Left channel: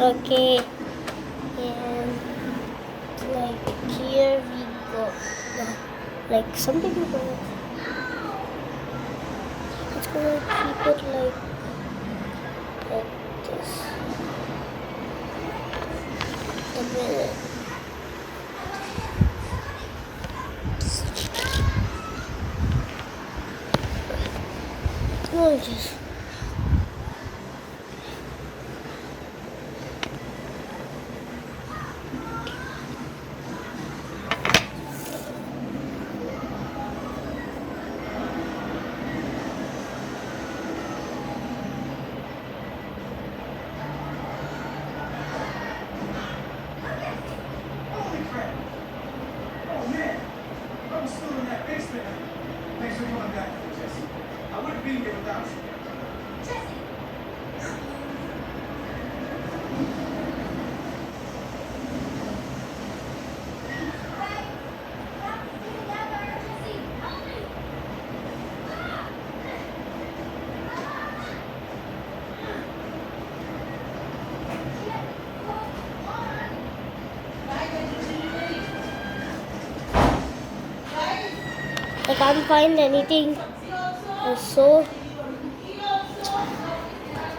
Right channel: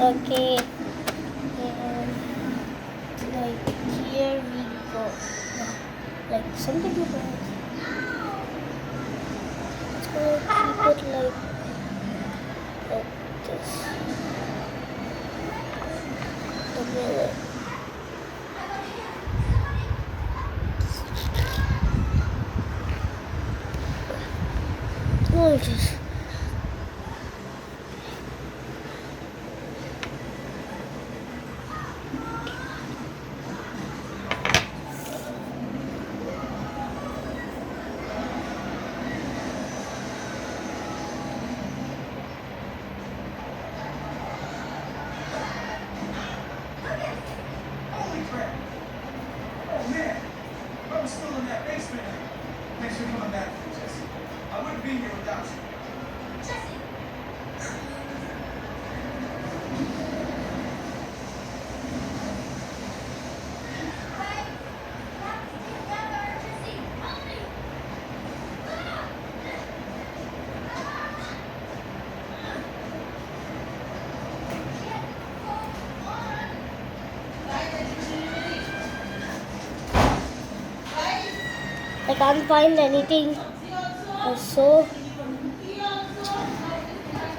Okay, and like here we go. Like something like that. It's gonna keep it like this. A minute. No, just. I'm still in that basement. Thanks for coming back, Jesse. I wouldn't be here without you. I can't find anything. So,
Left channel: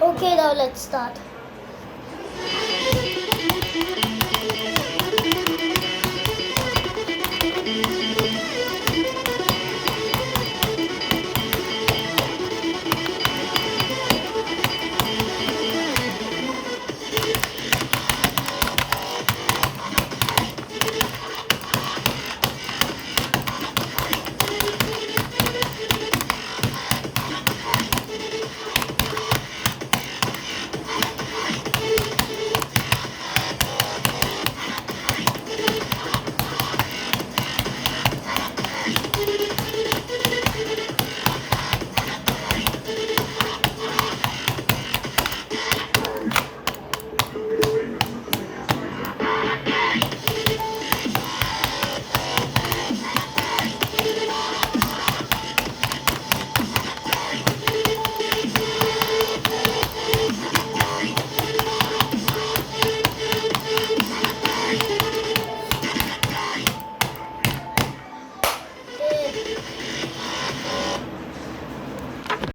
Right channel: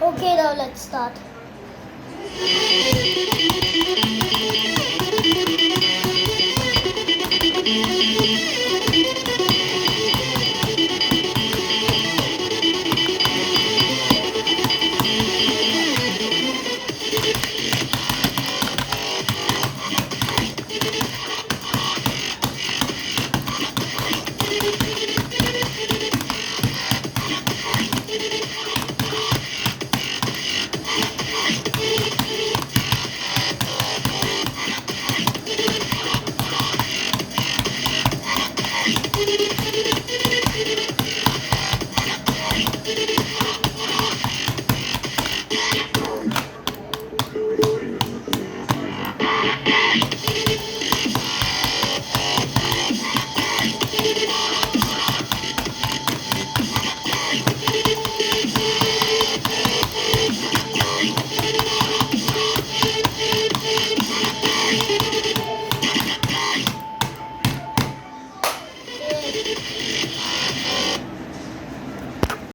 okay, now let's start.